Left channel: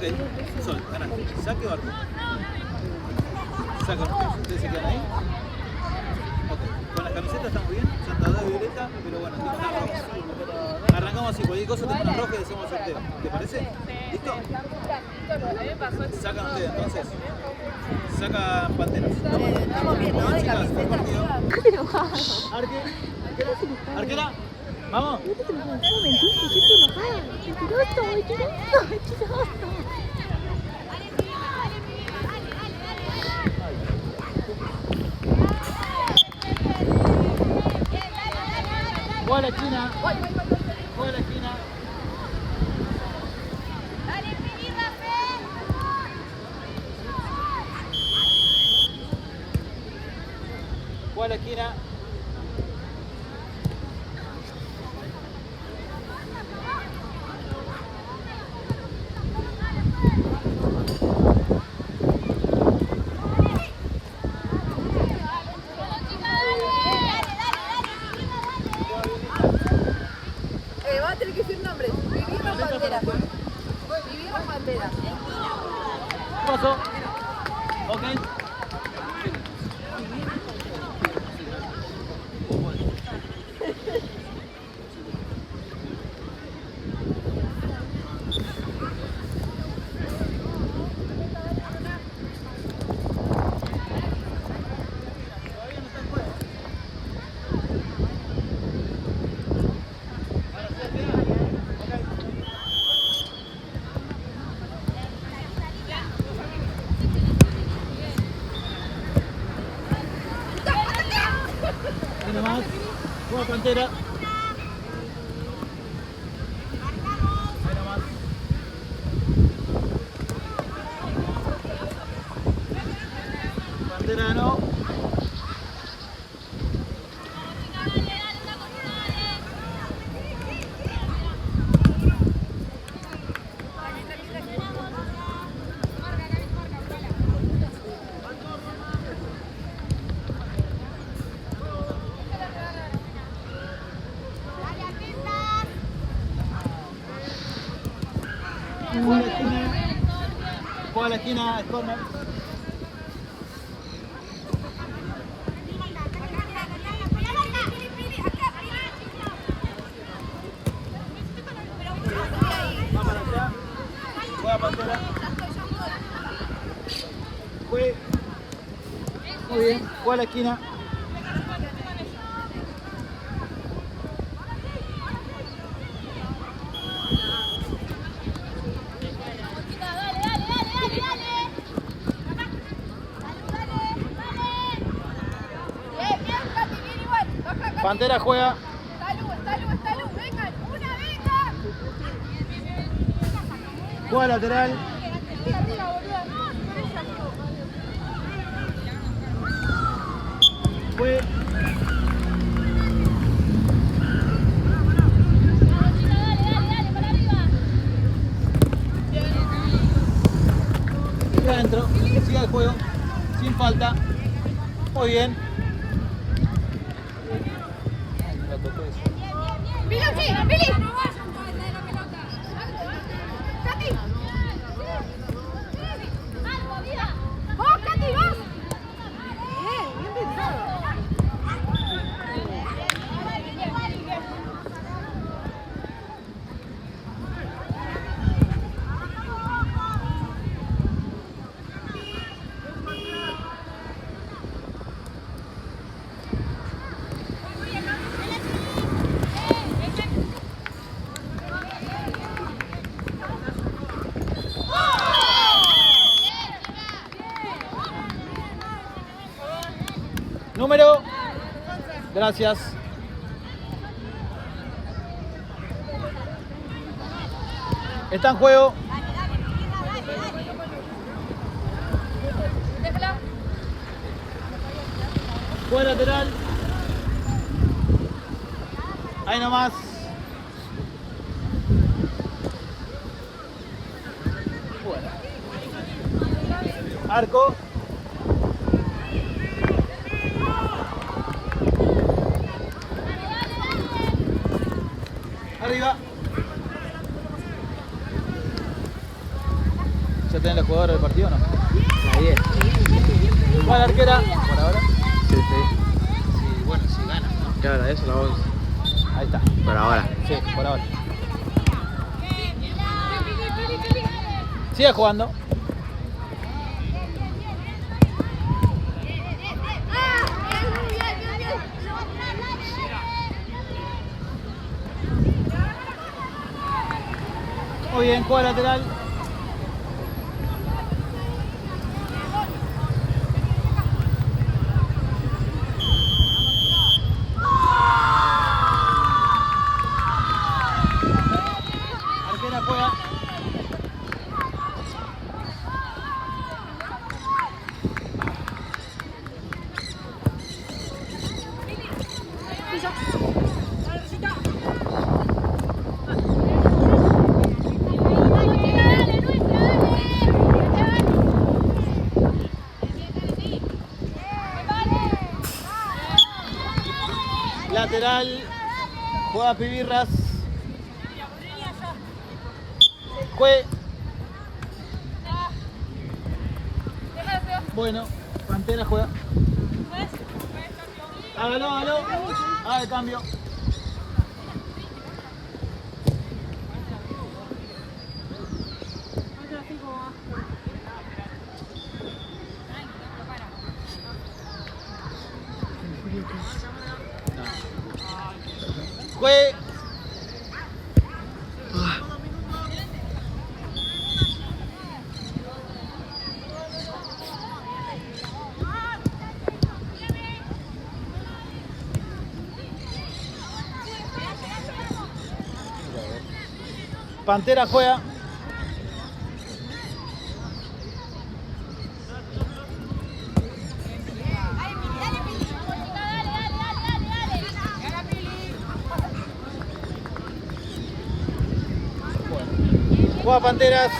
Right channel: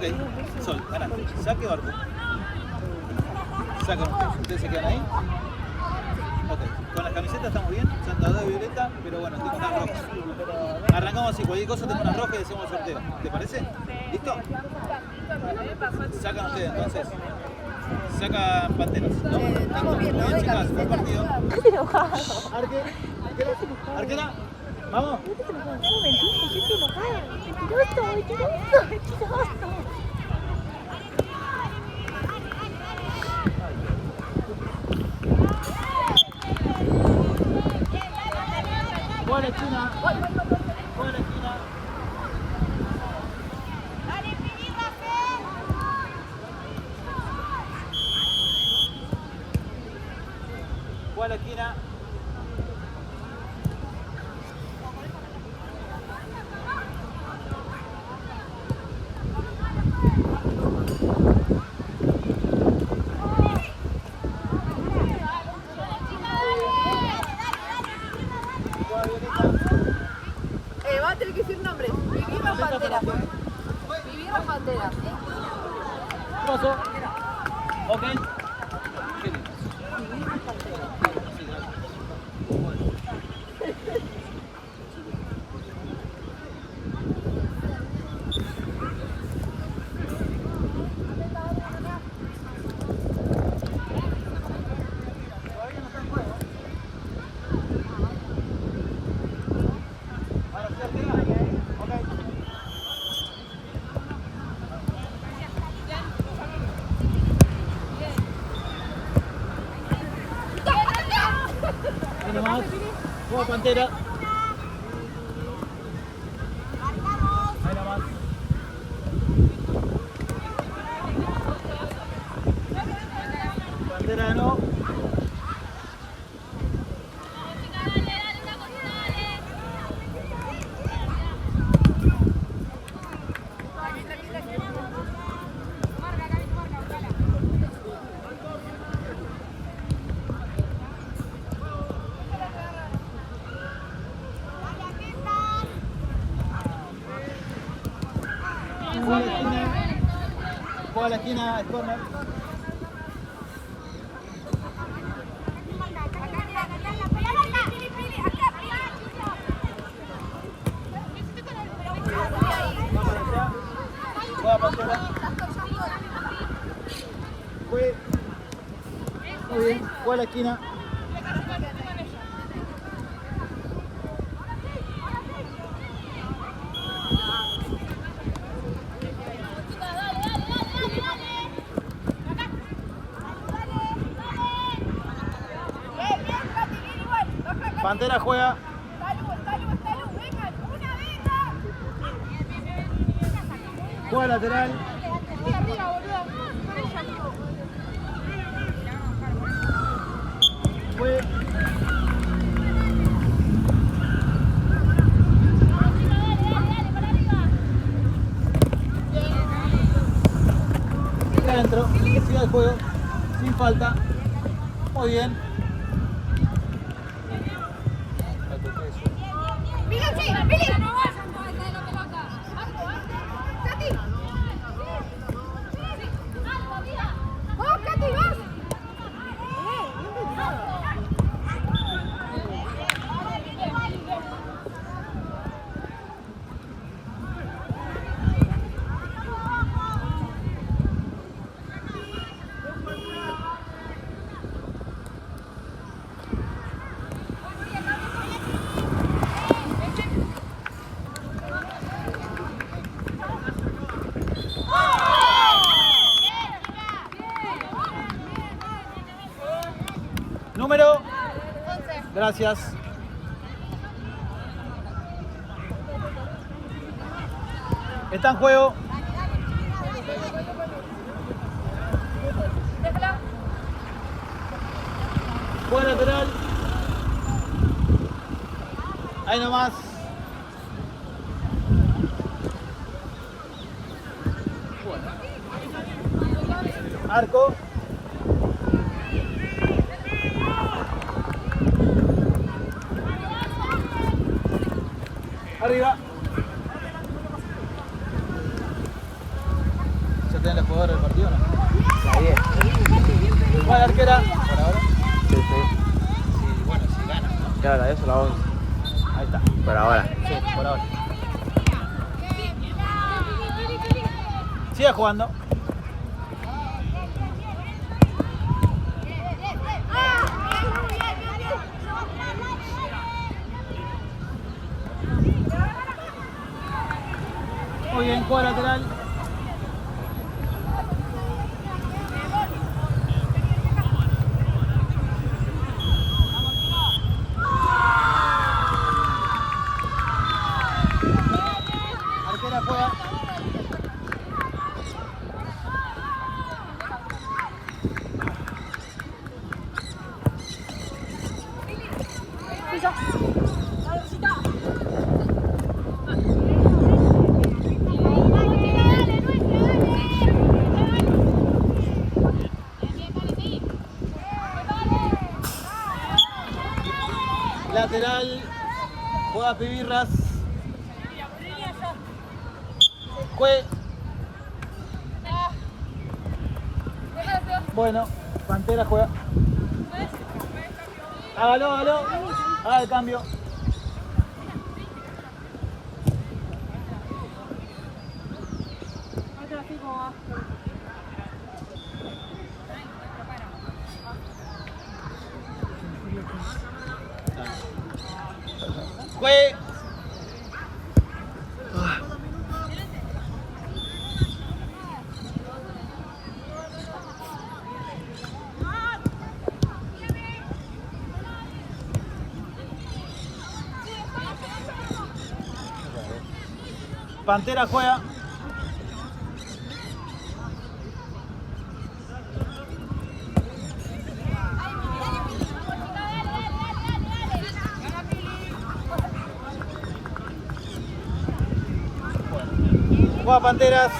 Ok, Sol, ganaste. Saque o arco. Sacan ustedes. Ustedes se quedan ahí. Ok, con las camisetas estamos bien. Son todas violeta, pero bueno, tengo una roja. Arrancamos así, cualquier cosa tengo una roja y hacemos el sorteo. ¿Te parece? ¿Listo? Sacan ustedes entonces. Sacan panteras, ¿no? Estamos bien, ¿no? Bien, chicas, buen partido. Estás enojado. Arquera. Vamos. No te enojado, no mentís, yo estoy enojada. Mentiroso. Juega la esquina. Juega la esquina. Juega la esquina. Va a tener que decir nombres. Vivieron banderas. Vivieron banderas. ¿Qué pasó? Ok. Ahí nomás. Juega Pantera. Ahí nomás. Pantera no. Juega a la esquina, es corner. Va para allá. Juega Pantera. Juega. Muy bien, juega a la esquina. Pantera juega. Juega lateral. Fue. Sigue adentro. Sigue el juego. Sin falta. Muy bien. Número. Gracias. Está en juego. Juega lateral. Ahí nomás. Arco. Arriba. ¿Ya tenés el jugador del partido o no? La 10. ¿Cuál arquera? Por ahora. Sí. Sí, bueno, si gana, ¿no? Claro, la 10 o la 11. Ahí está. Por ahora. Sí, por ahora. Sigue jugando. Muy bien, juega lateral. Arquera juega. Lateral, juega Pibirras. Bueno, Pantera juega. Hágalo. Haga el cambio. Juegue. Pantera juega. Juega Panteras.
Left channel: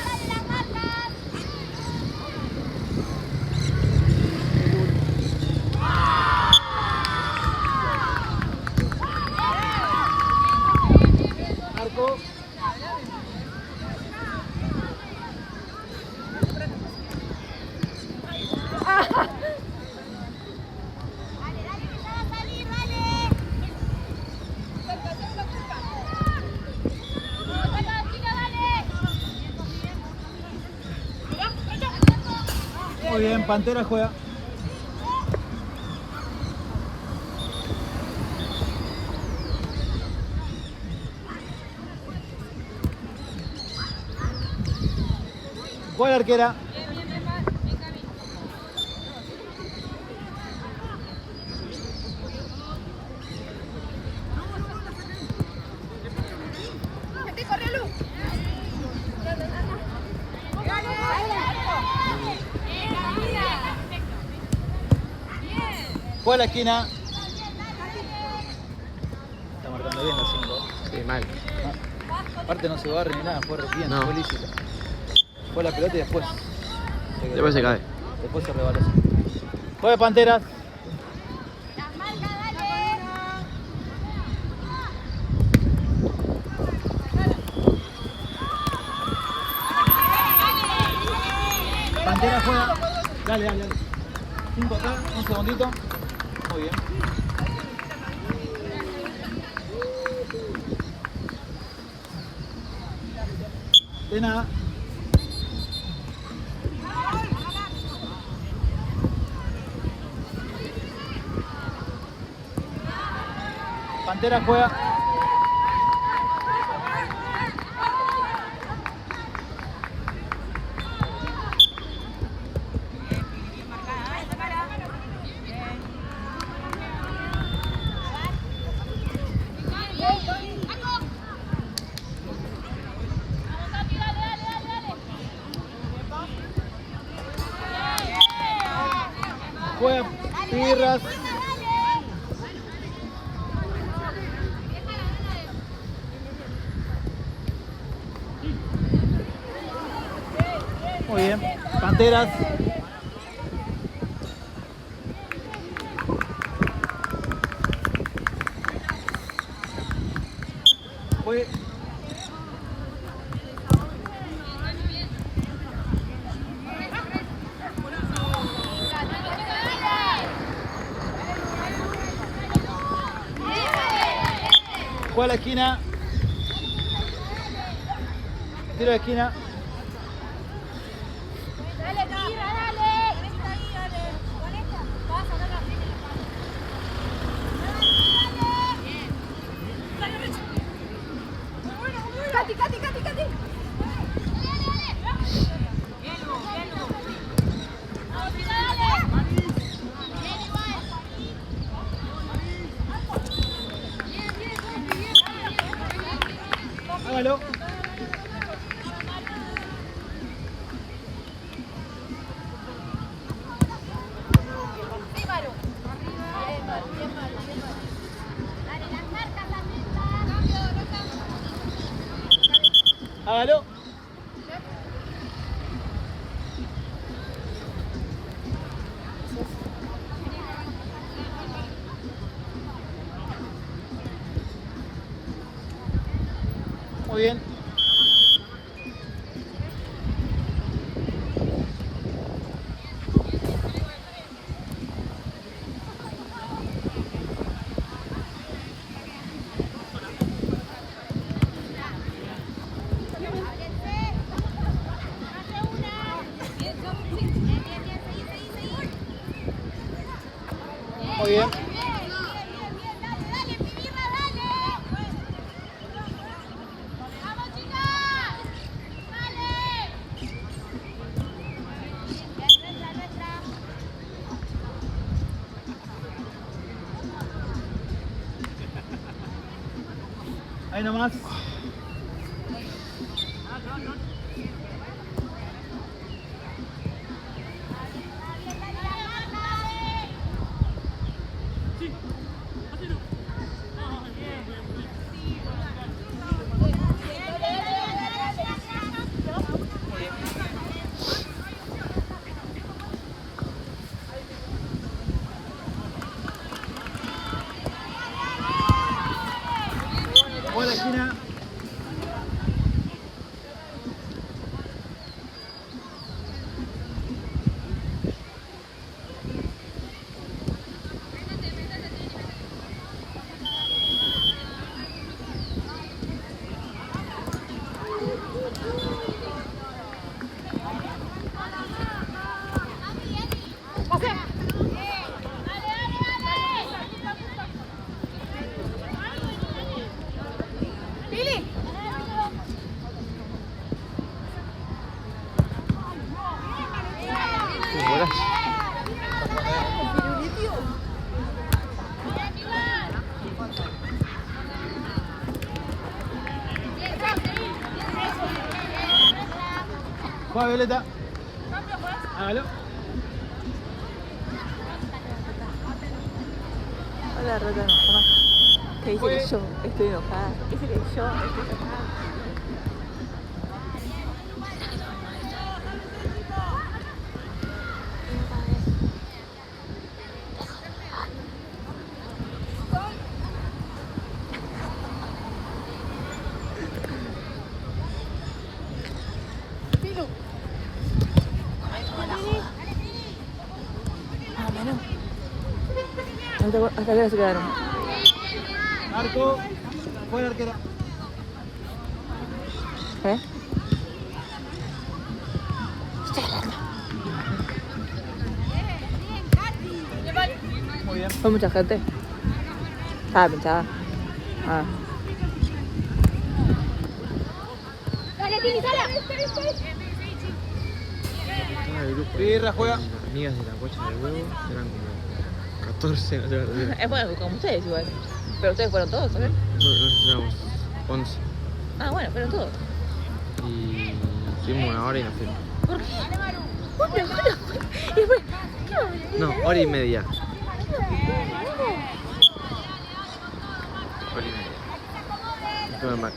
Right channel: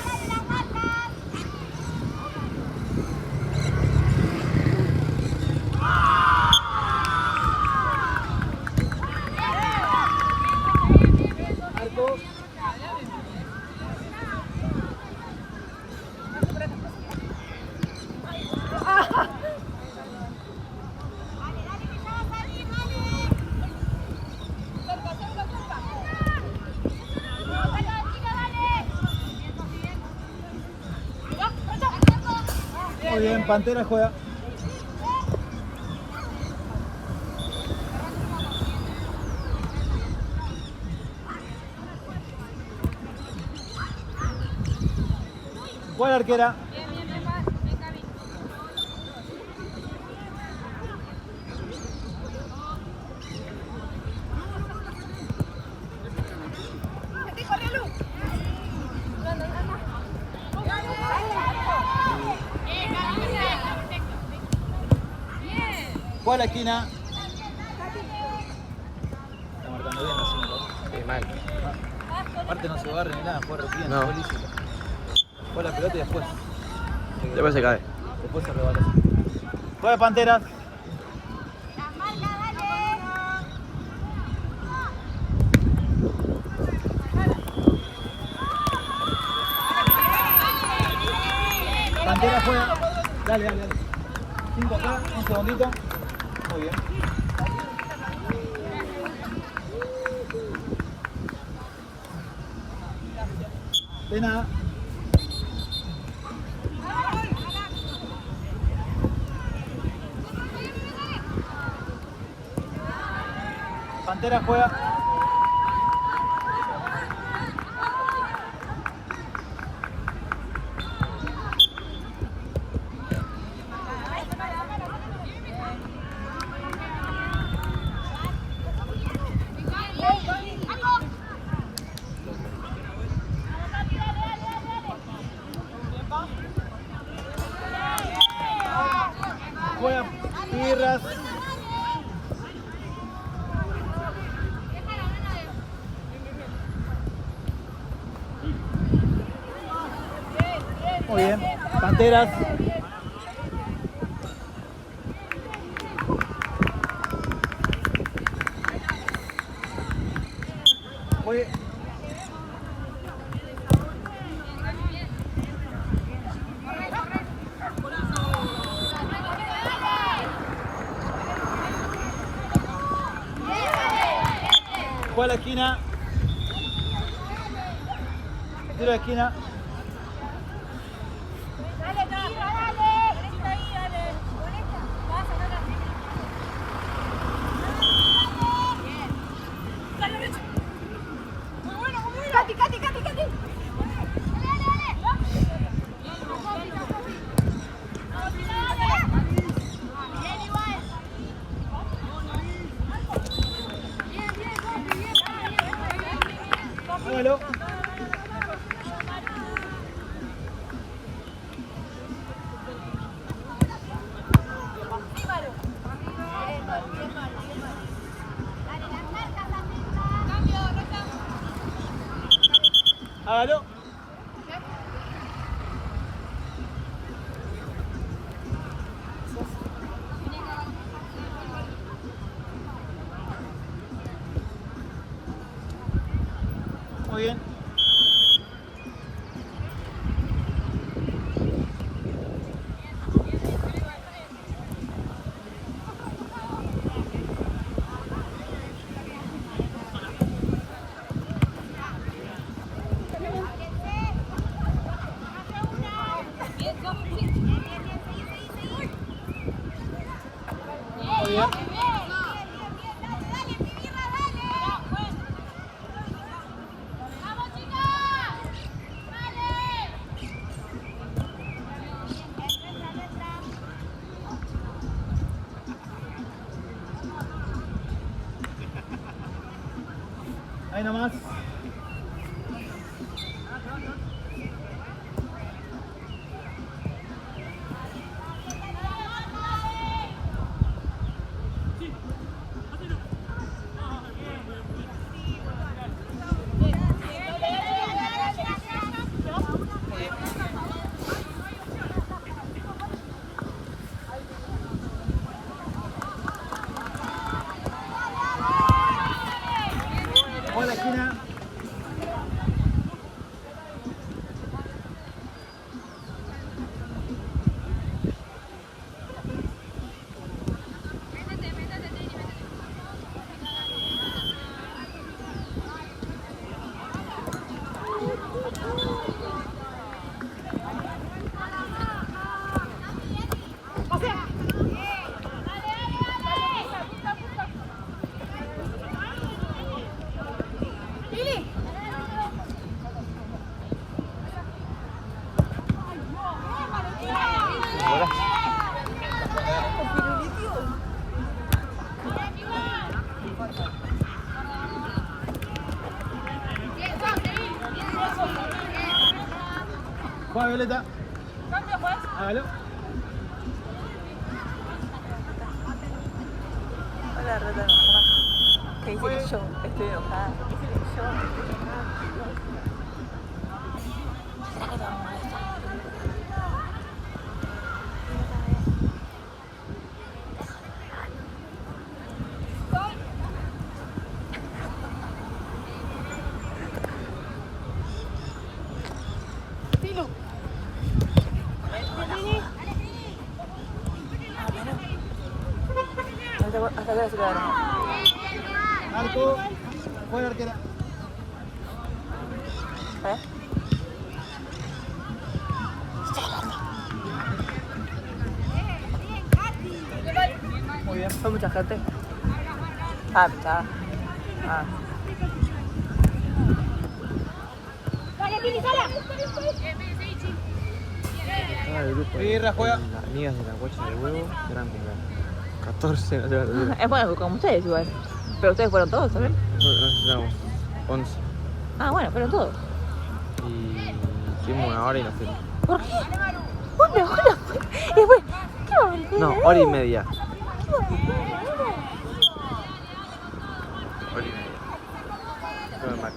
Arco. Muy bien, Pantera juega. Juega la arquera. Juega la esquina. Está marcando bien la 5. Sí, mal. Aparte no se barre ni nada, fue re bien, No. fue lícito. Fue la pelota y después. Después se cae. Después se rebaló. Juega Panteras. Pantera juega. Dale. 5 acá, un segundito. Muy bien. De nada. Pantera juega. Juega Pirras. Muy bien, Panteras. Fue. la esquina. Tiro de esquina. Dale, no. Dale. Con esta ahí, dale. Con esta. Pasa, no. Bien. Dale, Recho. Cati. Hágalo. Hágalo. Muy bien. Muy bien. Ahí nomás. Juega la esquina. Golazo. Juega Violeta. Hágalo. Hola, Rata, no, toma. Te dice que yo estoy enojada. Dice que yo estoy enojada. Hasta que se quedaron. Arco. Juega la arquera. ¿Eh? Muy bien. Fue mucha gente. Estaba pinchada. Ah. Estaba el grupo Birra, juega. las amigas de la guacha de huevo, eran como 14, no sé la verdad. Es bueno, como ustedes igual. Pero ustedes fueron todos, ¿sabes? Nosotros éramos 11 Ah, bueno, fueron todos. y estuvimos una hora y nos fuimos. ¿Por qué? Una hora. Después, ¿qué? No, hora y media. Hora y media. Estuve en Mac.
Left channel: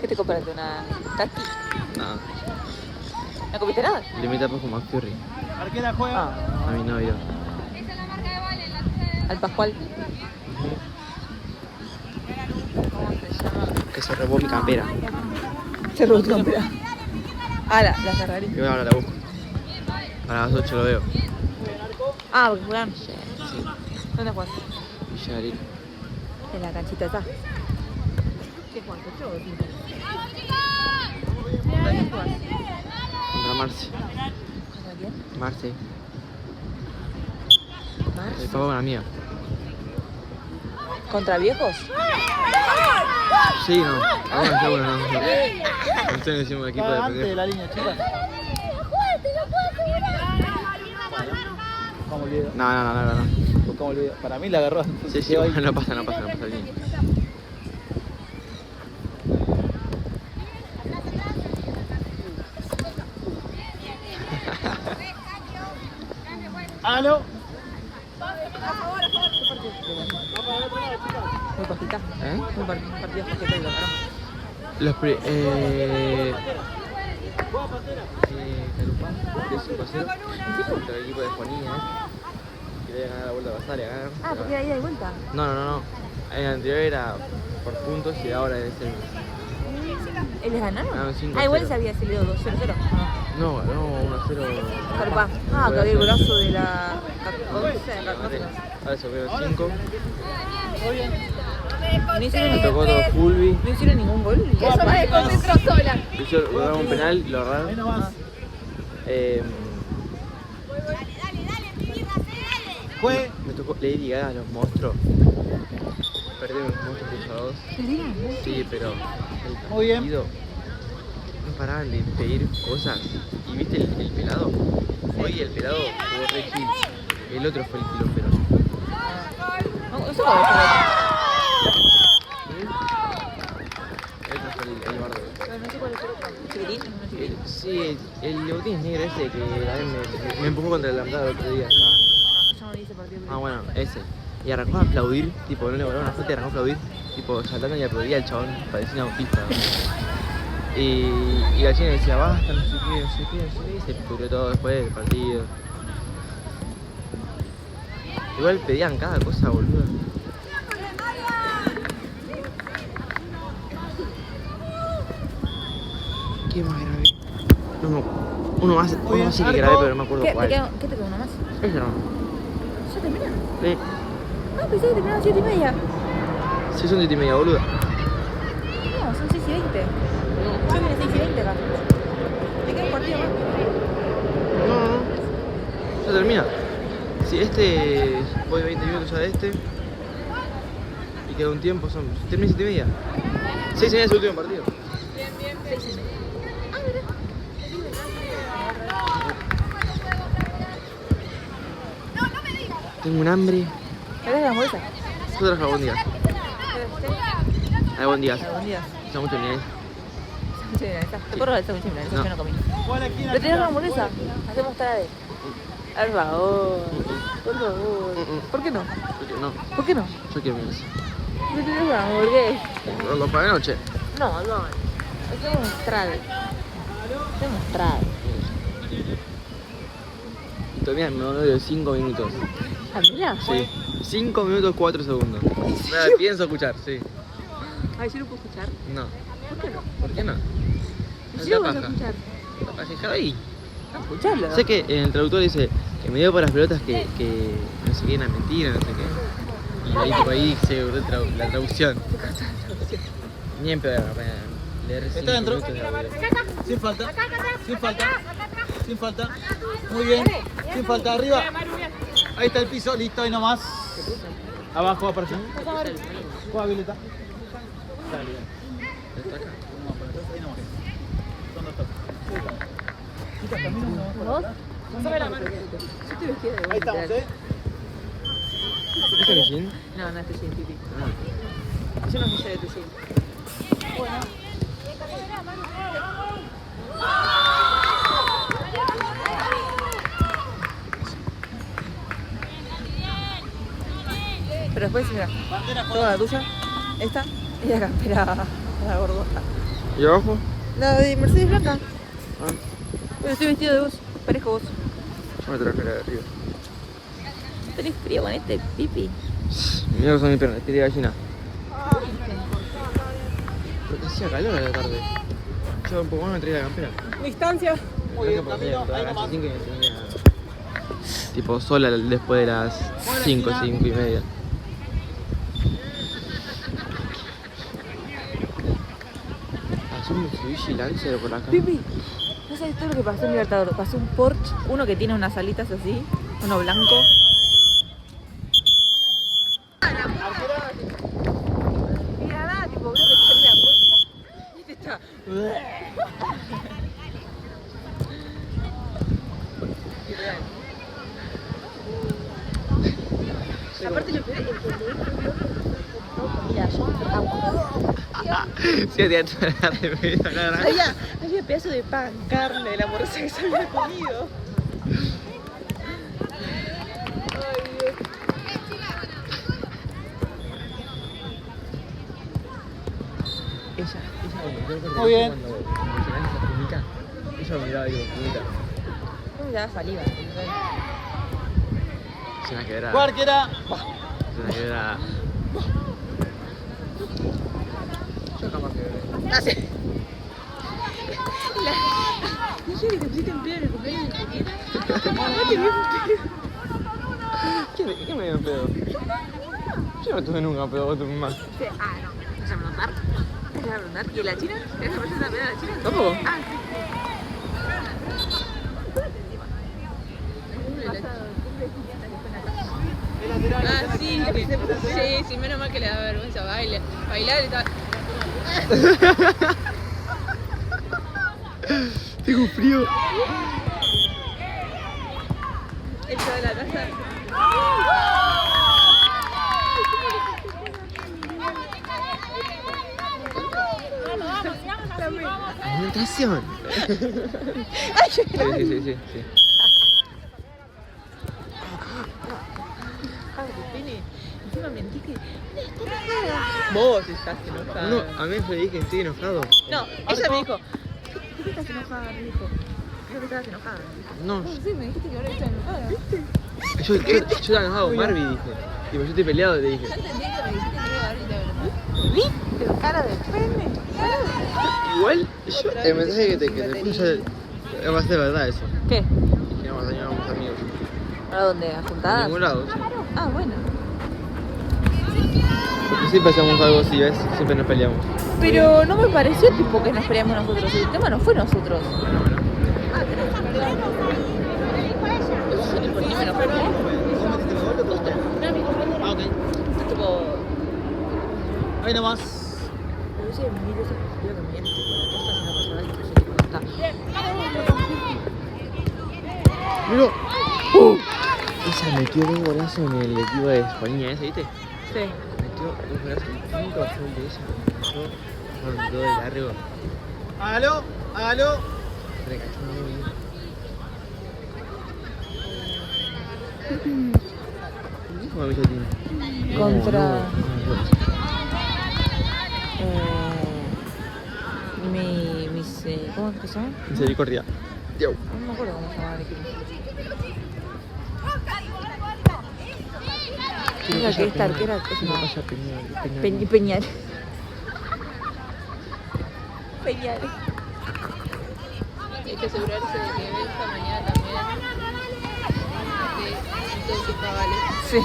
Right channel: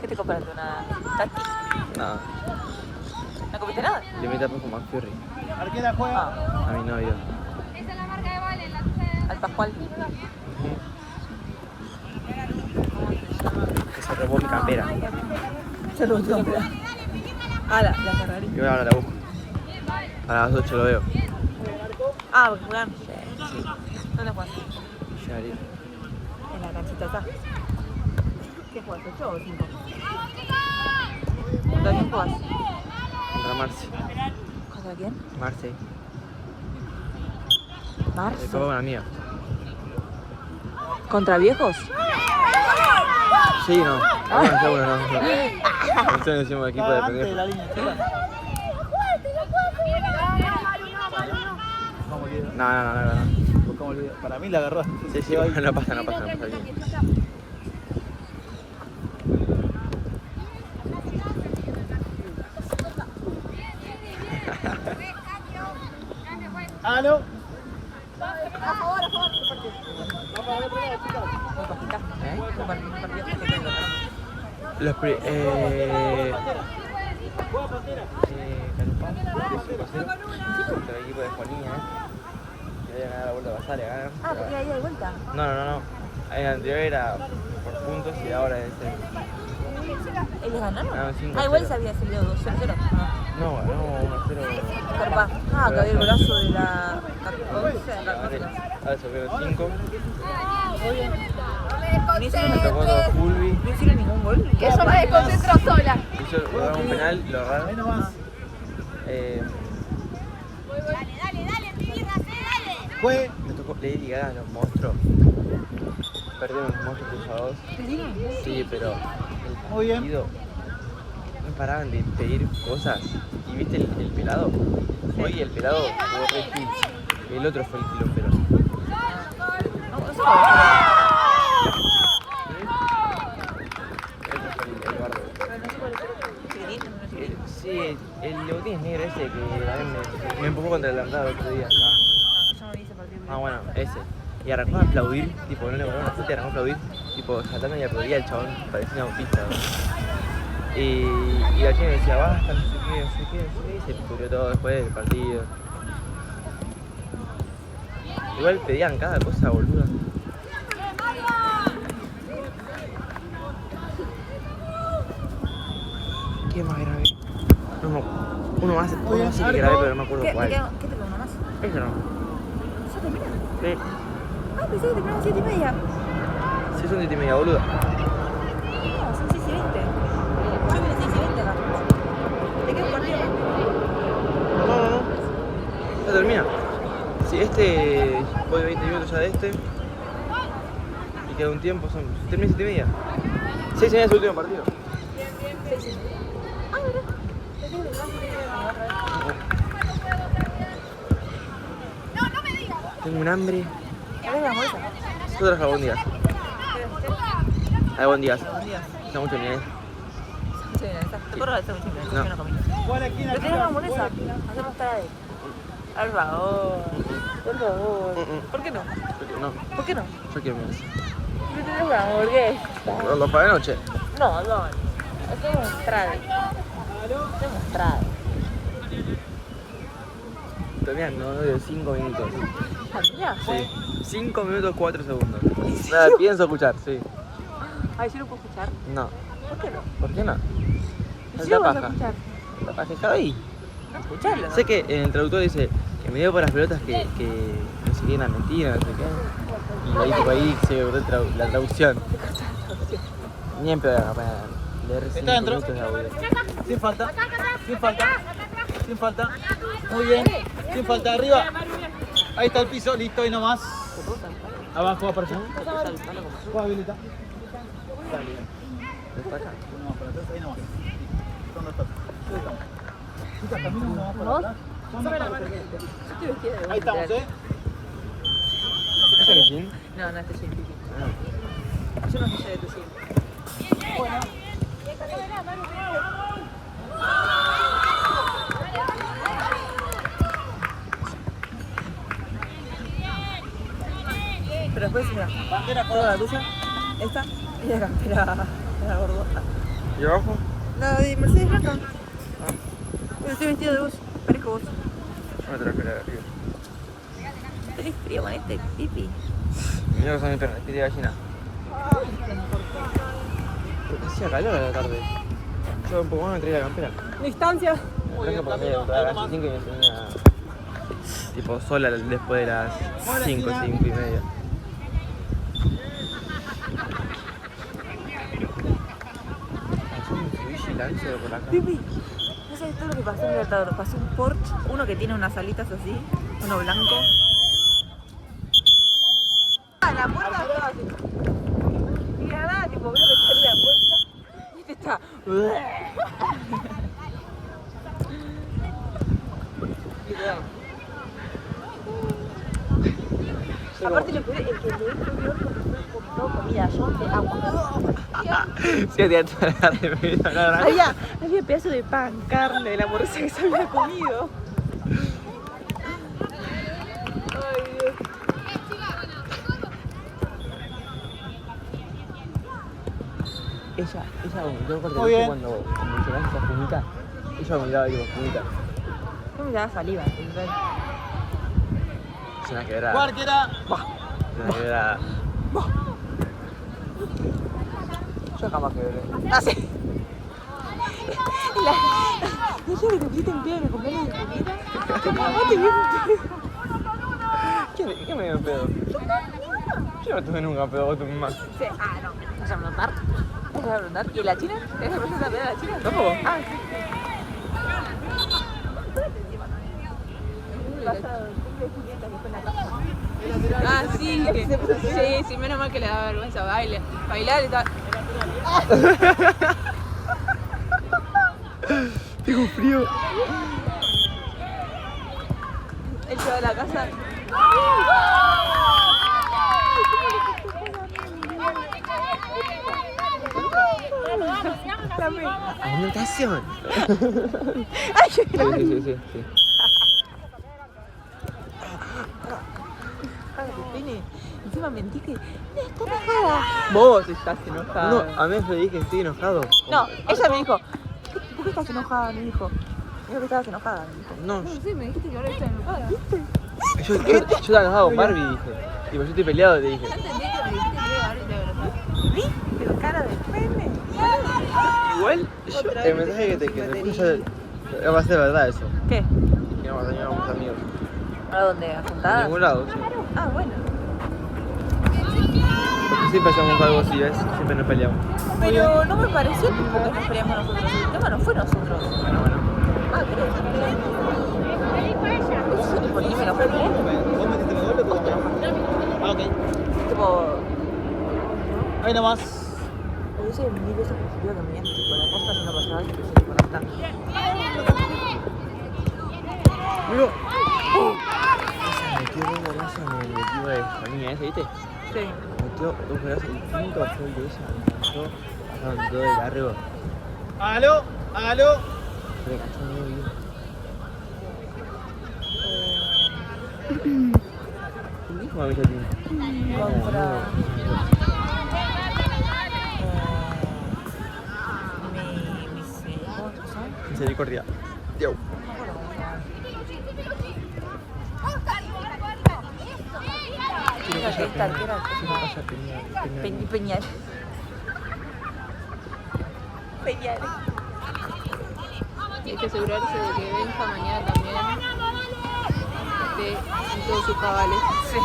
¿Qué te compraste? ¿Una tati? Nada. ¿No comiste nada? Le metí a con McFurry Arquera juega. a mi novio. Al Pascual. Que se robó mi campera. Se robó tu campera. Ah, la Ferrari. Y ahora la busco. A las 8 lo veo. Ah, bueno. Sí. ¿Dónde jugaste? Ya, listo. En la canchita está. ¿Qué juegas? ¿8 o 5? ¿Contra quién juegas? Contra Marce. ¿Contra quién? Marce. Marce. Todo una amiga. ¿Contra viejos? Sí, no. Algunos ya bueno, no. Nosotros decimos equipo de Antes de la pendejos. línea chica. ¿Cómo le No. ¿Cómo le Para mí la agarró. Sí, sí, bueno, no pasa bien. ¡Aló! ¿Eh? Un partido que tengo. Los pri... Juega Pantera. Carupán, de 5-0 contra el equipo de Juanía, que había ganado la vuelta a Basale, ganaron. Ah, pero- porque ahí de vuelta. No. En el anterior era por puntos y ahora es el... ¿Ellos ganaron? Ganaron 5-0. Ah, igual se había salido 2-0. No, ganó 1-0. Ah, que había el brazo de la... Ahora se vieron 5. No Me hicieron, tocó todo Fulvi. no hicieron ningún gol. Que ella me desconcentró sola. Hizo lograron un penal, lo Ahí erraron. nomás. Fue. Me tocó Lady Gaga, los monstruos. Perdieron los monstruos cruzados. Sí, pero el Muy bien. partido no paraban de pedir cosas. ¿Y viste el pelado? Hoy el pelado jugó re Gil. El otro fue el quilombero. No sé cuál es El otro fue el bardo. el chiquitín. Sí, el de botines negro ese que también me empujó contra el andado el otro día. Yo no vi ese partido. Ah, bueno, ese. Y arrancó a aplaudir, tipo, no le volaron una fruta y arrancó a aplaudir, tipo, saltando y aplaudía al chabón, parecía un autista, ¿no? Y la chica decía, basta, no sé qué, y se pudrió todo después del partido. Igual pedían cada cosa, boluda. ¿Qué más grave? Uno más sí que grave, pero no me acuerdo ¿Qué cuál. te quedó uno más? Eso no. ¿Ya terminó? Sí, Ah, pensé que terminaba 7:30. sí son 7:30, boluda. No, son 6:20. Yo vine 6:20 acá. ¿Te queda un partido más? No. Ya termina. Sí, voy 20 minutos ya de este. Y queda un tiempo, termina 7:30. 6:30 es el último partido. 6:30. Ah, ¿verdad? Tengo un hambre. ¿Querés las bolsas? Yo traje albóndigas. Albóndigas. Buen día. Ya mucho ni ahí. Mucho bien, está. Te corro la mucho bien, No. yo no comí. ¿Cuál aquí en la ¿Le tiramos una chica? hamburguesa? Hacemos tarde. Por favor. Por favor. ¿Por qué no? Porque no, ¿Por qué no? yo quiero menos. ¿Me tenés una hamburguesa? Lo para de noche. No. Hacemos trade. Hacemos trade. Todavía no de 5 minutos. ¿Familia? Sí. 5 minutos 4 segundos. Nada, pienso escuchar, sí. Ay, ¿yo lo puedo escuchar? No. ¿Por qué no? ¿Por qué no? ¿Y Es si la lo vas a paja. escuchar? La paja, déjalo ahí. No, escucharlo. Sé que en el traductor dice que me dio por las pelotas que no sé qué, una mentira, no sé qué. Y ahí, tipo, ahí se borró la traducción. Ni en pedo, leer 5 ¿Está dentro? minutos de audio. Sin falta. Sin falta. Sin falta. Muy bien. Sin falta. Arriba. Ahí está el piso. Listo. Ahí nomás. Abajo aparece. Juega Violeta. Dale. ¿Está acá? Uno más para atrás. Ahí nomás. Son dos toques. Chicas, también uno más para atrás. Yo estoy vestida de Ahí vos, estamos, literal. ¿Esta es Jean? No, este es un pipi. Ah. Yo no sé de tu jean. Pero después, mira, Bandera toda la tuya, esta y la campera la gordoja. ¿Y abajo? La de Mercedes Blanca. Ah, Bueno, estoy vestido de vos, parezco vos. yo me traje la de arriba. ¿Tenés frío con este pipi? Mira que son mis piernas, estoy de gallina. Pero que hacía calor a la tarde. Yo un poco más me traía la campera. Distancia. Me traje porque entraba a las 5 y me tenía tipo sola después de las 5, 5:30. un Mitsubishi Lancer por acá. Pipi, ¿no sabes todo lo que pasó en Libertador? Pasó un Porsche, uno que tiene unas alitas así, uno blanco. La puerta estaba así. Y nada, tipo, veo que sale la puerta. Este está. Aparte que mira, yo Sí, tenía toda la remera naranja. había pedazo de pan, carne, de la hamburguesa que se había comido. Ella vomitó porque Muy bien. cuando mencionaste esa fumita, ella vomitaba ahí con fumita. ¿Cómo me da saliva? Es una quebrada. Cualquiera. Es una quebrada. Yo jamás quebré. ¿Dije que te pusiste en pedo en el cumpleaños de Julieta? Tu mamá te vio en pedo. ¿Qué me dio pedo? Yo no tuve nunca pedo con tu mamá. Ah, no. ¿Vas a preguntar? ¿Vas a preguntar? ¿Y la china? ¿Te vas a presentar a la china? ¿Tampoco? Ah, sí. Pasado el cumple de Julieta que fue en la casa. Ah, sí, sí, menos mal que le da vergüenza bailar y tal. Tengo frío. Él se va de la casa. Alimentación. Sí. Pini, encima mentiste. No, está enojada. Vos estás enojada. No, a mí me dije que estoy enojado. No, ella me dijo, ¿por qué estás enojada? Me dijo. Dijo que estabas enojada. Me dijo. No, Sí, me dijiste que ahora estás enojada. yo estaba enojado con Barbie, dije. Tipo, yo estoy peleado, te dije. Entendí que me dijiste que ahora te ¿Viste? Pero cara de pene. Igual, yo, el mensaje que te puse ya va a ser verdad eso. ¿Qué? Que vamos a tener unos amigos. ¿A dónde? ¿A En juntar? ningún lado, sí. Ah, bueno. Porque siempre hacemos algo así, ¿ves? Siempre nos peleamos. Pero no me pareció tipo que nos peleamos nosotros. El tema no fue nosotros. Bueno. Ah, ¿qué te Nosotros por qué me lo fue. Ah, ok. Tipo, Ahí nomás. hubiese venido esa perspectiva que me dice tipo la costa es una persona que prefiere conectar. Mira. Esa metió 2 golazos en el equipo de España ese, ¿viste? Sí. Metió 2 golazos. El quinto fue el de ella. Me pasaron 2 de largo. Aló, aló. Se cachó muy bien. ¿Quién dijo a Michotín? Contra- No. ¿Cómo es que se llama? Misericordia. Yo. No me acuerdo cómo se llama el equipo. Quiero Mira, que que haya esta arquera Peñal. es Quiero una- que haya Peñal. Peñal. Peñal. Hay que asegurarse de que esta mañana también que todos sus cabales. Sí.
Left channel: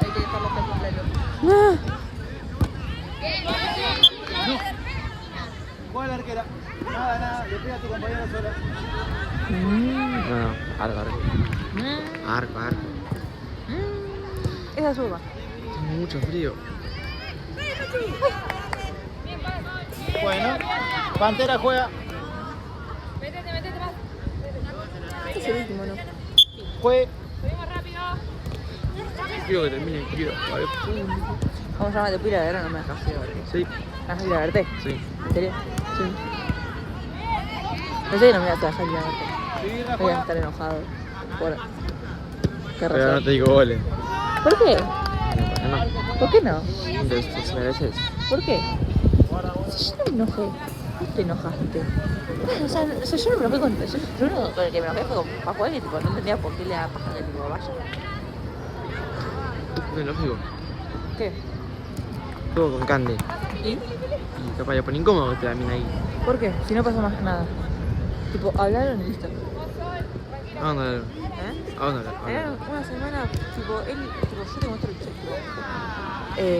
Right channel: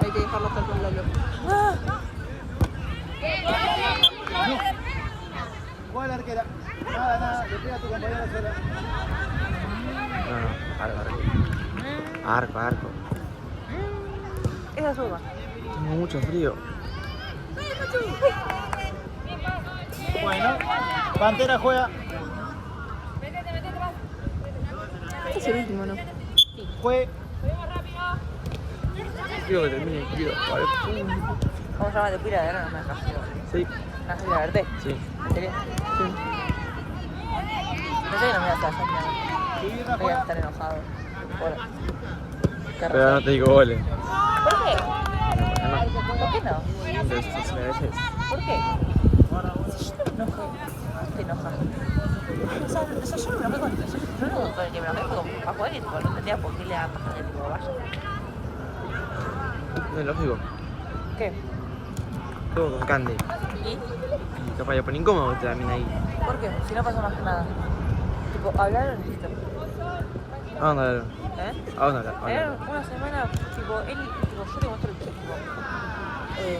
Hay que dejarlo estar con la loca. No. Juega la arquera. Nada, le pega a tu compañero sola. No, arco. Esa suba. Tengo mucho frío. Bueno, Pantera juega. Este es el último, ¿no? Fue. Quiero que termine, quiero. Vale. ¿Cómo se llama? Te pira de ver, no me dejas llevar. Sí, ¿Me vas a ir a verte? sí. ¿En serio? Sí. Pensé que no me ibas a dejar ir a verte. Divina Voy a juega. estar enojado. Por... Pero no te digo goles. ¿Por qué? No, no. ¿Por qué no? Te mereces. ¿Por qué? Si yo no me enojé, ¿por qué te enojaste? O sea, yo me enojé con... Yo no, con el que me enojé fue con Pajuel y tipo, no entendía por qué le da paja que tipo vaya. No es lógico. ¿Qué? Juego con Candy. ¿Y? Y capaz le pone incómodo te la mina ahí. ¿Por qué? Si no pasa más nada. Tipo, hablaron y listo. ¿A dónde hablaron? ¿Eh? ¿A dónde hablaron? Era una semana, tipo, él, tipo, yo te muestro el chat, tipo,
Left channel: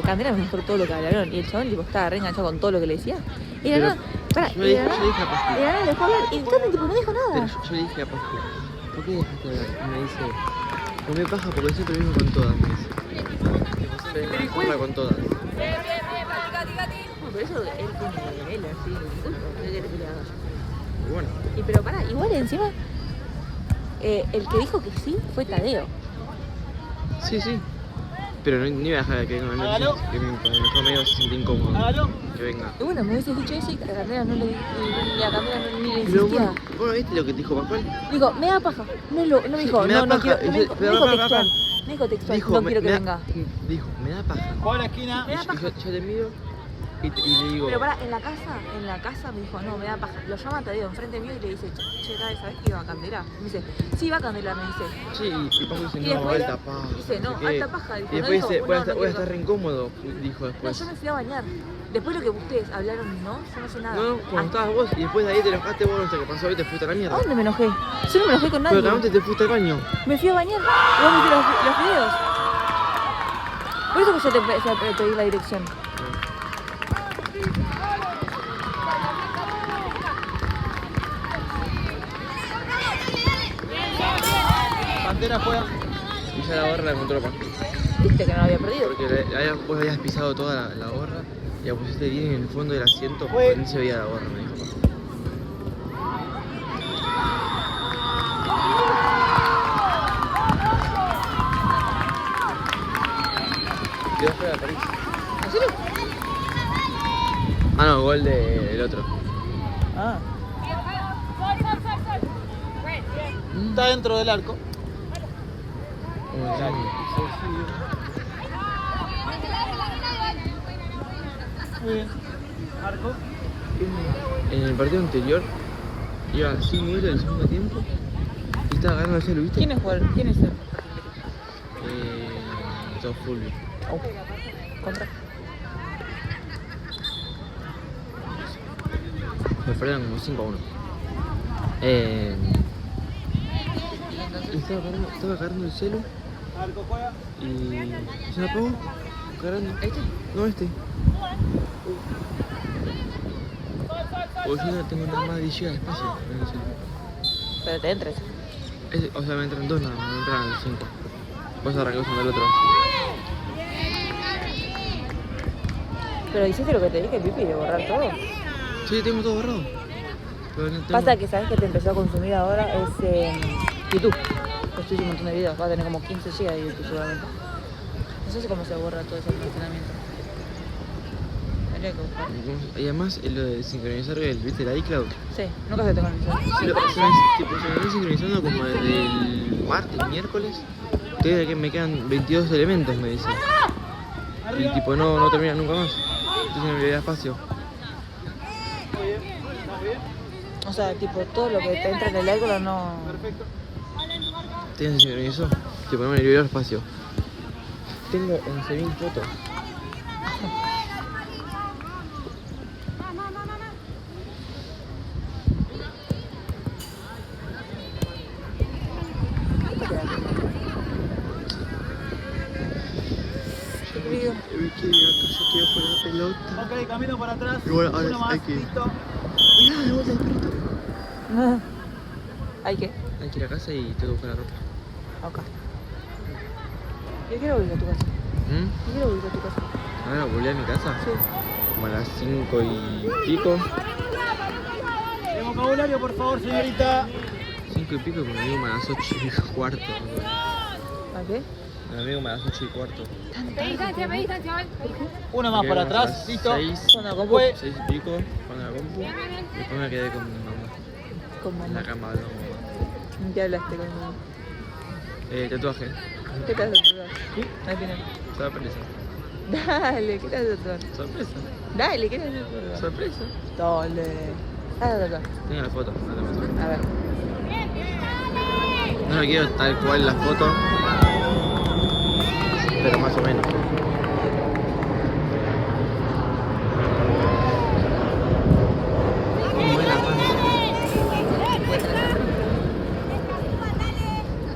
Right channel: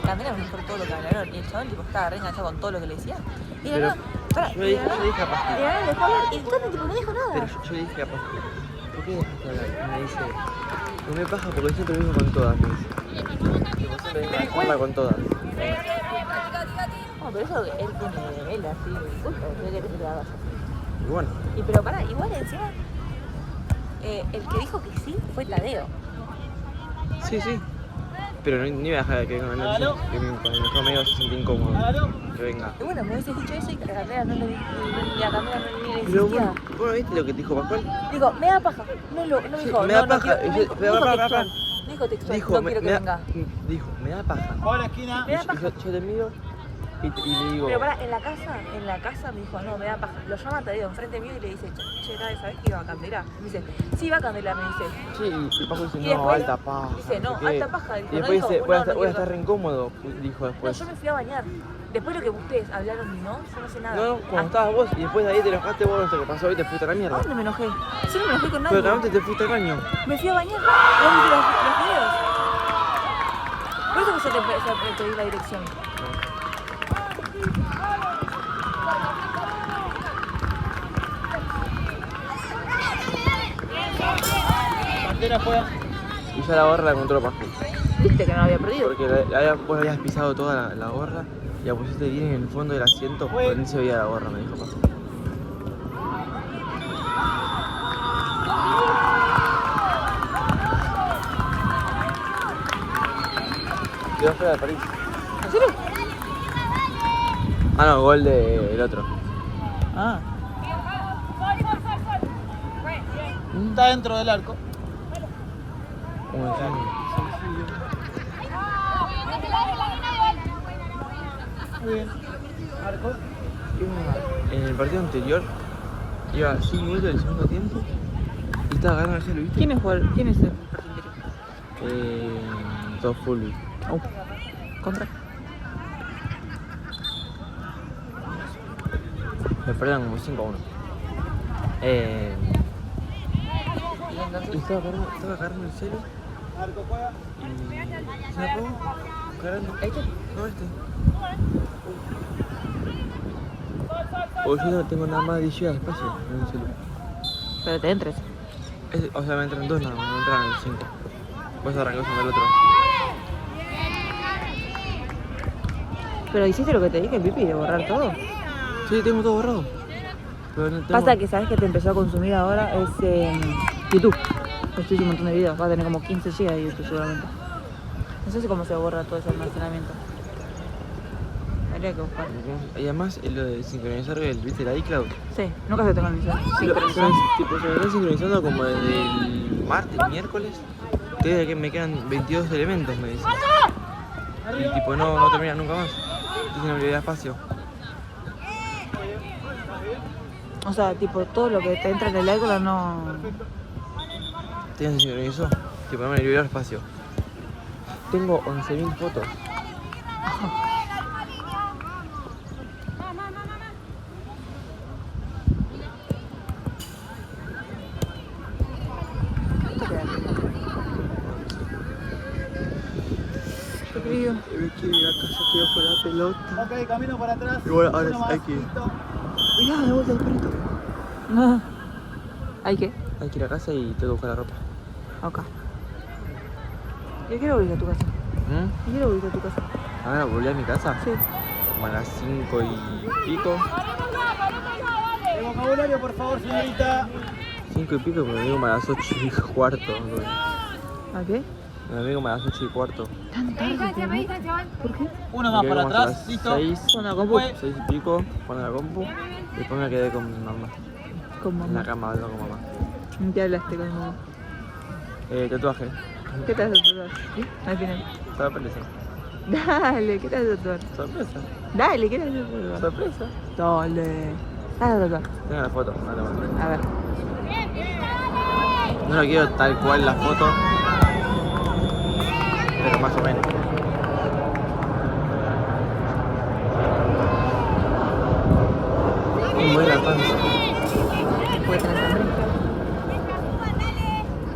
Candela me mostró todo lo que hablaron y el chaval tipo, estaba re enganchado con todo lo que le decía. Y de Pero nada, pará, yo y de le nada- dije a Pascu. y de nada le dejó hablar y Cami tipo no dijo Pero nada. yo le dije a Pascu, ¿por qué dejaste hablar? Y me dice, comé paja porque siempre vengo con todas, me dice. Tipo, siempre vengo a joderla con todas. No, pero eso él tiene, él así, culpa, ¿qué querés que le haga yo? Y bueno, Y pero pará, igual encima, el que dijo que sí fue Tadeo. sí. Pero no iba a dejar que venga Hágalo. que cuando me dejó medio se siente incómodo. Hágalo. Que venga. Y bueno, me hubiese dicho eso y a Candela no le y a Candela no le Pero insistía. bueno, ¿viste lo que te dijo Pascual? Digo, me da paja. No, no Sí, dijo, me da no, paja. No, Pero, dijo pará. textual. No dijo textual, Dijo, no quiero que venga. dijo, me da paja. Juega a la esquina. Me da Y paja. yo te miro y le digo, Pero pará, en la casa me dijo, no, me da paja. Lo llama a Tadeo enfrente mío y le dice, che, ¿sabes que iba a Candela? Me dice, sí, va a Candela, me dice. sí, y Pascual dice, Y no, después alta paja. dice, no, sé qué. alta paja, dijo, Y no después dijo, dice, no, voy a no estar quiero- re incómodo, dijo No, después. yo me fui a bañar. Después lo que ustedes hablaron y no, yo no sé nada. No, cuando estabas vos y después de ahí te enojaste vos, no sé qué pasó y te fuiste a la mierda. ¿Dónde me enojé? Yo no me enojé con nadie. Pero realmente te fuiste al baño. Me fui a bañar. ¿Vos viste los videos? Por eso que yo te pedí la dirección. Pantera juega. Y ya la gorra la encontró Pascu. Viste que no había perdido. Porque vos habías pisado toda la gorra y la pusiste bien en el fondo del asiento porque ni se veía la gorra, me dijo Pascu. Quedó fuera de París. ¿En serio? Ah, no, gol del otro. Ah. Está dentro del arco. Bueno, sí. Muy bien. Arco. En el partido anterior iba 5 minutos del segundo tiempo y estaba ganando el celu, ¿viste? ¿Quién es él? ¿Quién es él? Todo full. Contra. Me perdieron como 5-1. ¿Y Y entonces? estaba cargando el celu Arco juega. y se apagó. Cargando. ¿Este? No, Porque yo no tengo nada más de 10 GB de espacio en el celu. Pero te entres. O sea, me entran 2 nada más, no me entran los 5. Vas a arrancar usando el otro. Pero hiciste lo que te dije, Pipi, de borrar todo. Sí, tengo todo borrado. Pero no tengo... Pasa que sabes que te empezó a consumir ahora es YouTube. Estoy un montón de videos, va a tener como 15 GB de YouTube seguramente. No sé cómo se borra todo ese almacenamiento. Habría que buscarlo. Y además, lo de sincronizar ¿viste la iCloud? Sí, nunca se tengo el video. Sí, se me está sincronizando como desde el martes, miércoles. Todavía que me quedan 22 elementos, me dice. Y tipo, no termina nunca más. Entonces no me queda espacio. O sea, tipo, todo lo que te entra en el iCloud no... ¿Te sincronizó? Tipo, no me liberó espacio. Tengo 11.000 fotos. Me quiero ir a casa, quiero jugar la pelota. Ok, camino para atrás. Y bueno, ahora Uno más, hay que ir. listo. Mirá, de vuelta el perrito. ¿Hay qué? Hay que ir a casa y tengo que buscar la ropa. Ok. Yo quiero volver a tu casa. Yo quiero volver a tu casa. Ahora volví a mi casa. Sí. Como a las 5 y pico. El vocabulario, por favor, señorita. 5 y pico, pero me digo como a las 8 y cuarto. ¿A qué? Me digo como a las 8 y cuarto. Uno Me más quedé para como hasta atrás. las Listo. 6, Con la compu. Fue. 6 y pico, con la compu. Y después me quedé con mi mamá. ¿Cómo? En la cama hablando con mamá. ¿Qué hablaste con mamá? Tatuaje. ¿Qué te has tatuado? ¿Sí? Al final. Sorpresa. Dale, ¿qué te has tatuado? Sorpresa. Dale, ¿qué te has tatuado? Sorpresa. Dale. Ah, tatuar. Tengo la foto, no te muestro. A ver. No lo quiero tal cual la foto. Pero más o menos. ¿Cómo es la panza?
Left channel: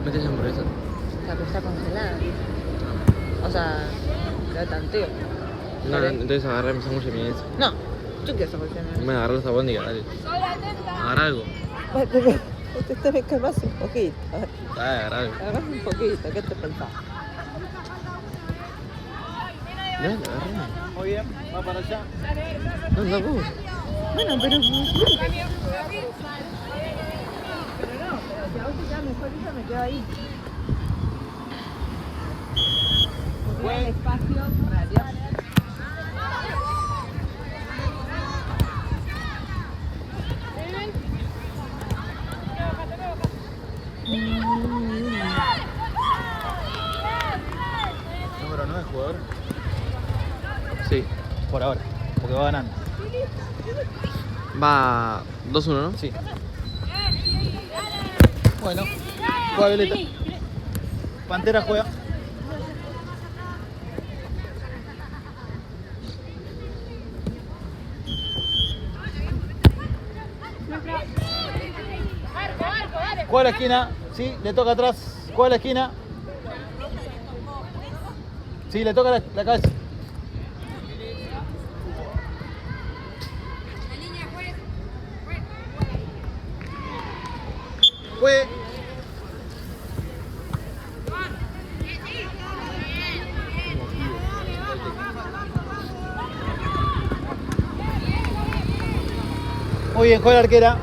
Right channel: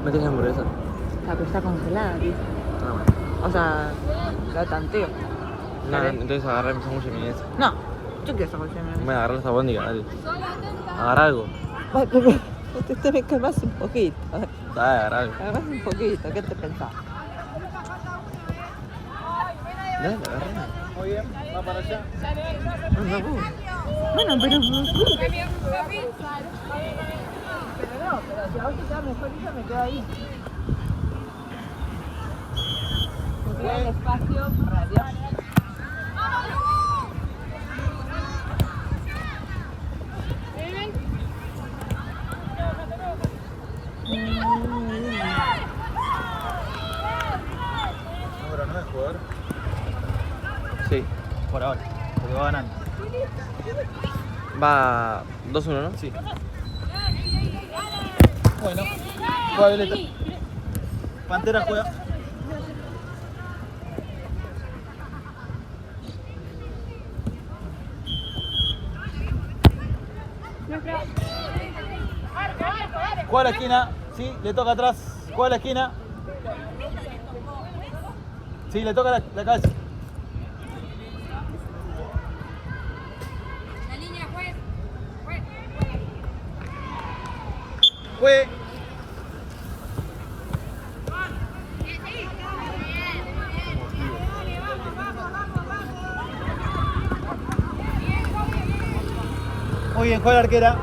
¿Metes hamburguesa? La que está congelada. Ah, bueno. O sea, cada tanteo. No, entonces agarrá mi sándwich de milanesa. No, yo quiero sándwich de milanesa. Voy a agarrar los albóndigas, dale. Agarra algo. Te tenés que más un poquito. Dale, agarra algo. Agarrás un poquito, ¿qué te pensás? Dale, agarra. Muy bien, va para allá. No, no, vos. Bueno, pero Pero no, pero si a vos te queda mejor eso, me quedo ahí. Buen. Espacio, en realidad. Número 9, jugador. Sí. Por ahora, porque va ganando. Va 2-1, ¿no? Sí. Bueno, juega Violeta. Pantera juega. Juega a la esquina, sí, le toca atrás. Juega a la esquina. Sí, le toca la cabeza. Fue. Muy bien, juega la arquera.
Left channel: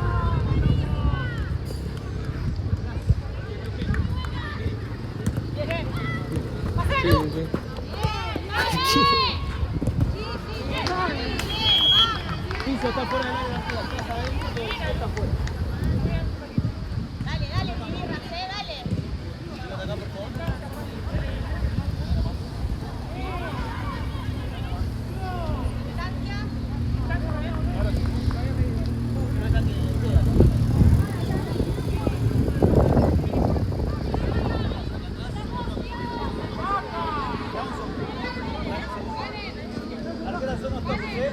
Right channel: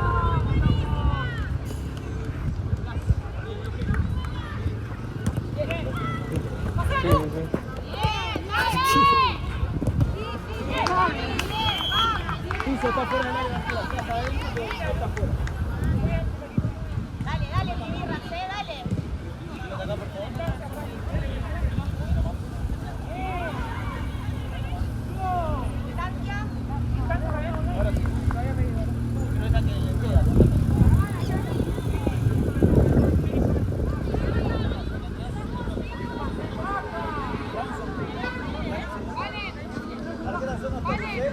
Sí, sí. Piso está fuera del área, está adentro, pero está fuera. Pelota acá, por favor. Ahora sí. Pero esa que queda. Arquera, son los toques, ¿eh?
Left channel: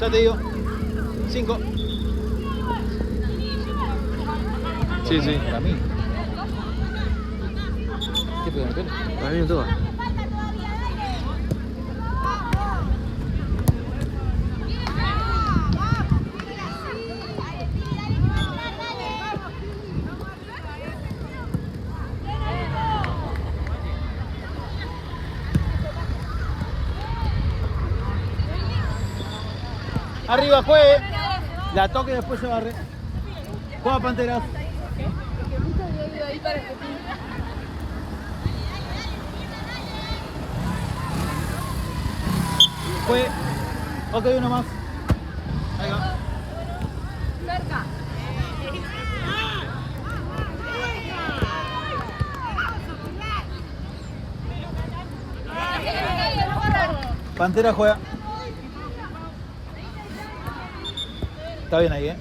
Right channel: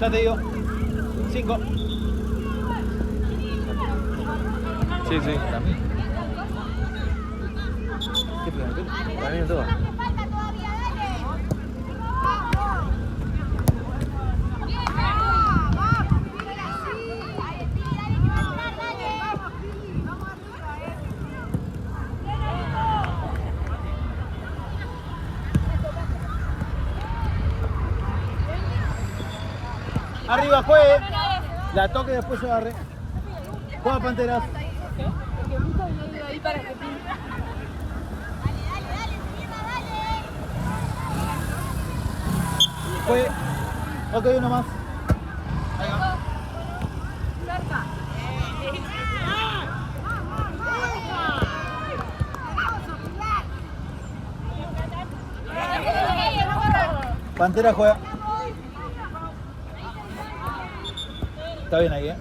Ya te digo. 5. Sí, sí. Para mí. ¿Qué pega el pelo? Para mí me toca. Arriba, juegue. La toque y después se barre. Juega Panteras. Juegue. Ok, uno más. Ahí va. Pantera juega. Está bien ahí, ¿eh?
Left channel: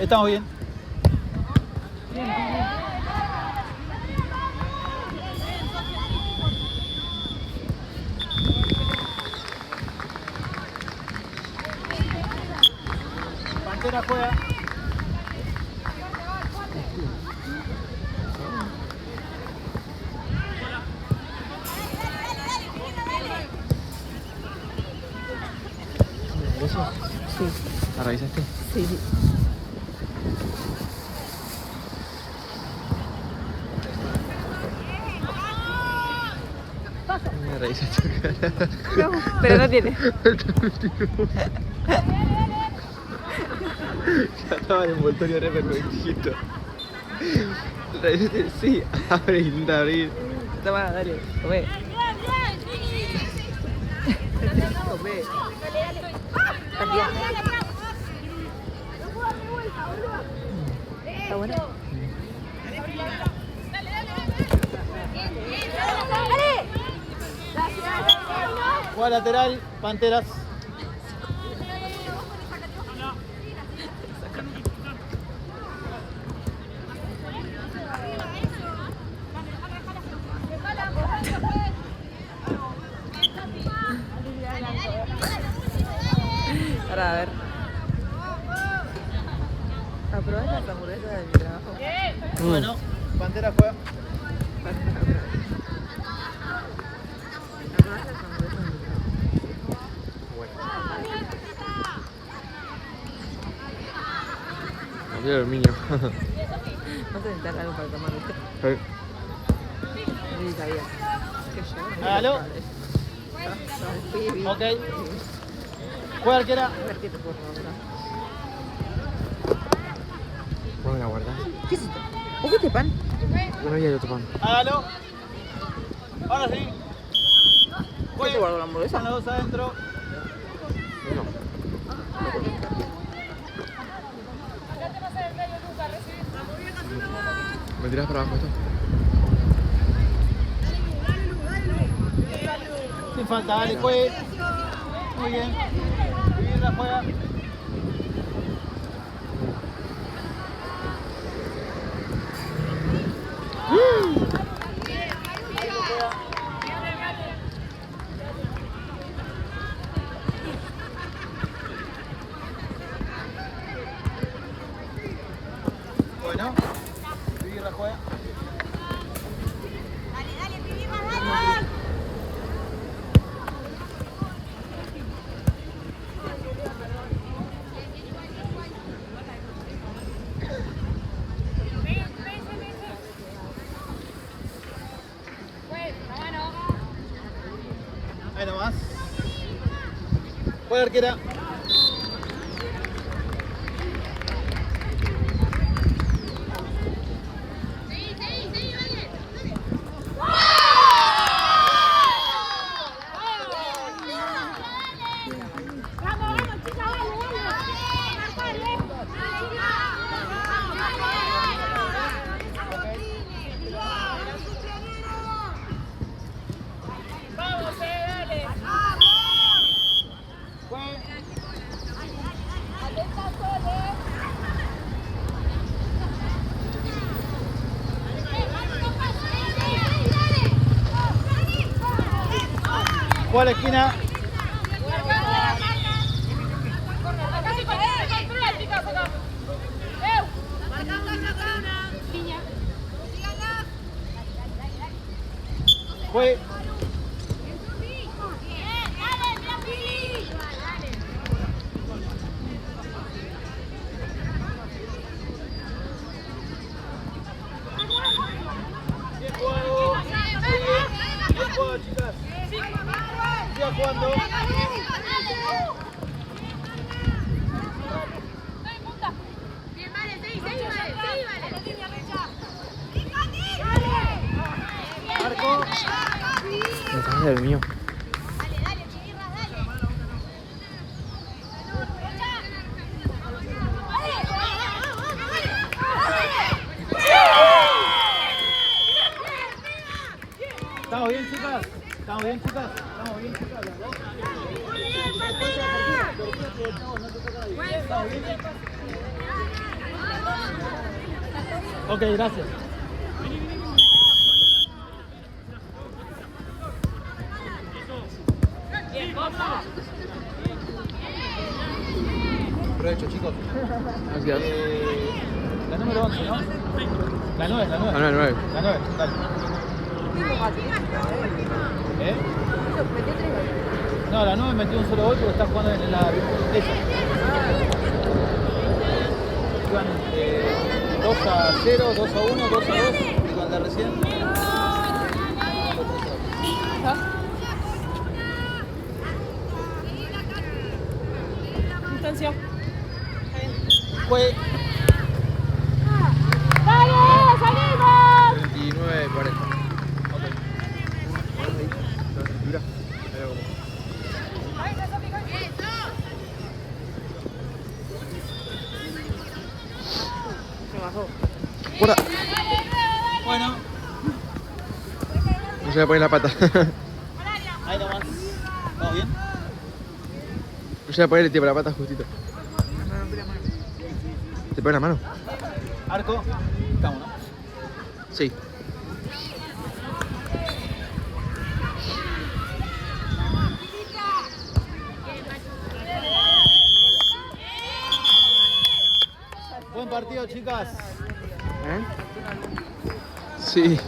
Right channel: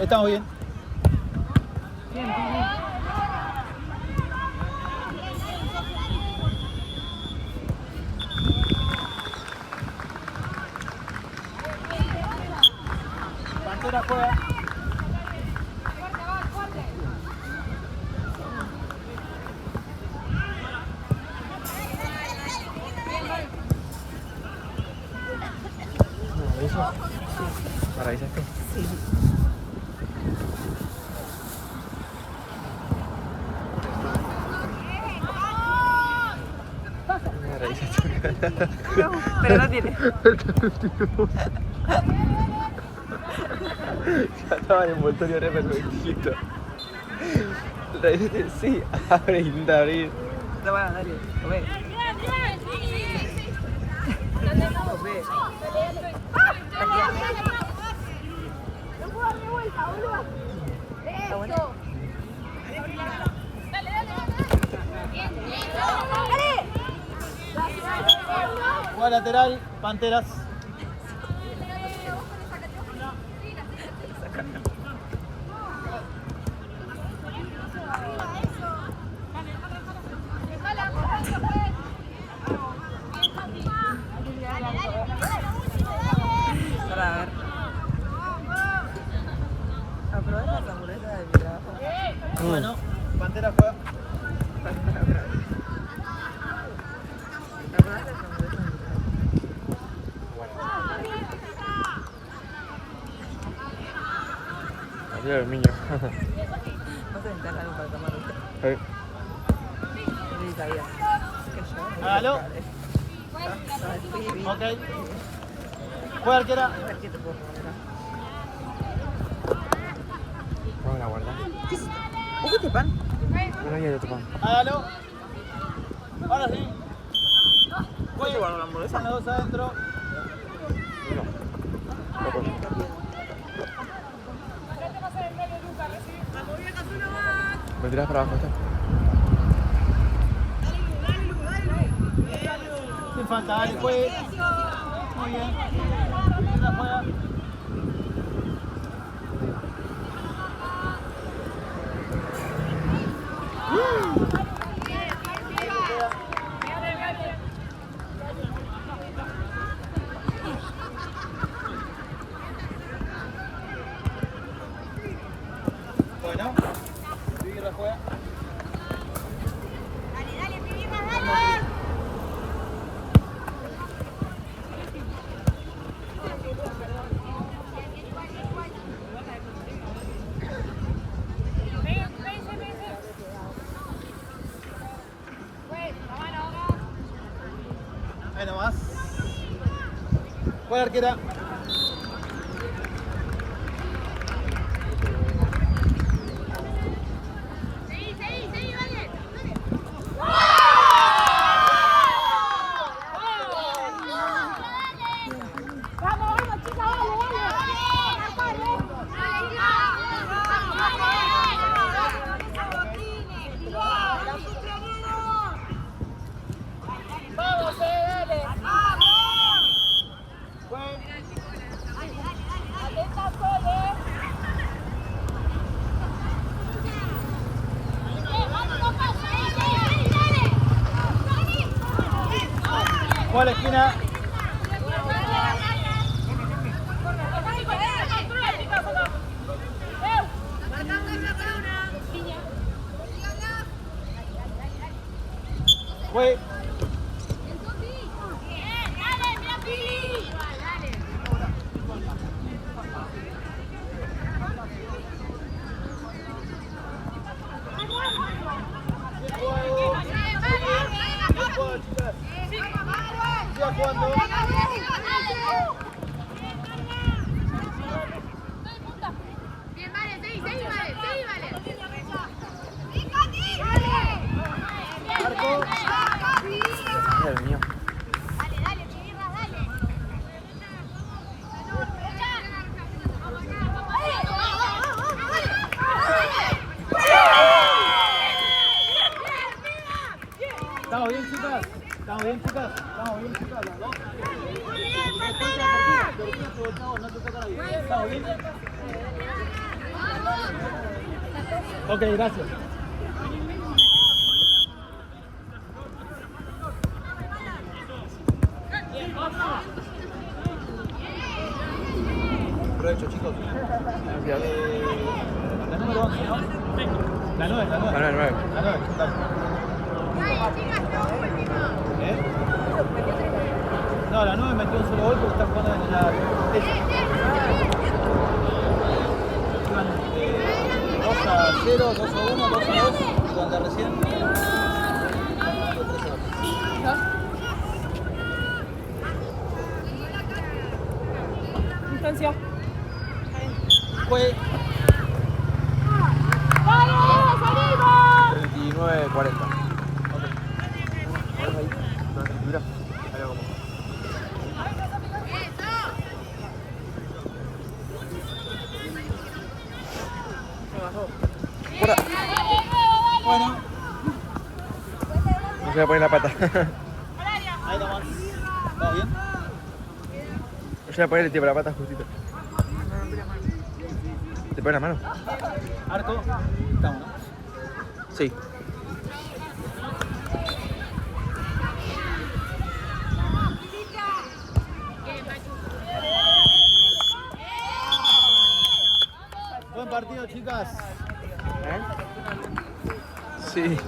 Estamos bien. Pantera juega. Sí. ¿La revisaste? Sí. ¿La revisaste? Pero no tiene. Ya estaba en el envoltorio re perfectito. ¿Revisaste? Sí. Abre, intenta abrir. Toma, dale. Come. Juega lateral, Panteras. Bueno, Pantera juega. Había el niño. No te enterras algo para tomar, ¿viste? Sí, sabía. Que yo. Aló. Ok. Juega arquera. ¿Cómo la guardás? ¿Qué es esto? ¿Por qué este pan? Uno y el otro pan. Hágalo. Ahora sí. ¿Qué te guardo la hamburguesa? Están los dos adentro. No. No puedo. ¿Me tiras para abajo esto? Sin falta, dale, juegue. Muy bien. Bien, la juega. Ahí lo juega. Bueno, Vivi la juega. Ahí nomás. Juega arquera. Juega a la esquina. Fue. Bien jugado. Bien jugado, chicas. Sigan jugando. Marco. No sabía el mío. Estamos bien, chicas. Estamos bien, chicas. Estamos bien, chicas. Estamos bien. Ok, gracias. Provecho, chicos. Gracias. La número 11, ¿no? La 9, la 9. Ah, no, el 9. La 9, dale. ¿Eh? No, la 9 metió un solo gol porque está jugando en la ella. Iban 2-0, 2-1, 2-2, cuando recién. Instancia. Fue. ¡Dale! ¡Salimos! 39, 40. Ok. Ahora ahí. No, tranquila. Ahí lo como. Fuera. Bueno, No se va a poner la pata. ahí nomás. ¿Vamos bien? No se va a poner el tío la pata justito. ¿Te pone la mano? Arco. Estamos, ¿no? Sí. Buen partido, chicas. ¿Eh? Sí.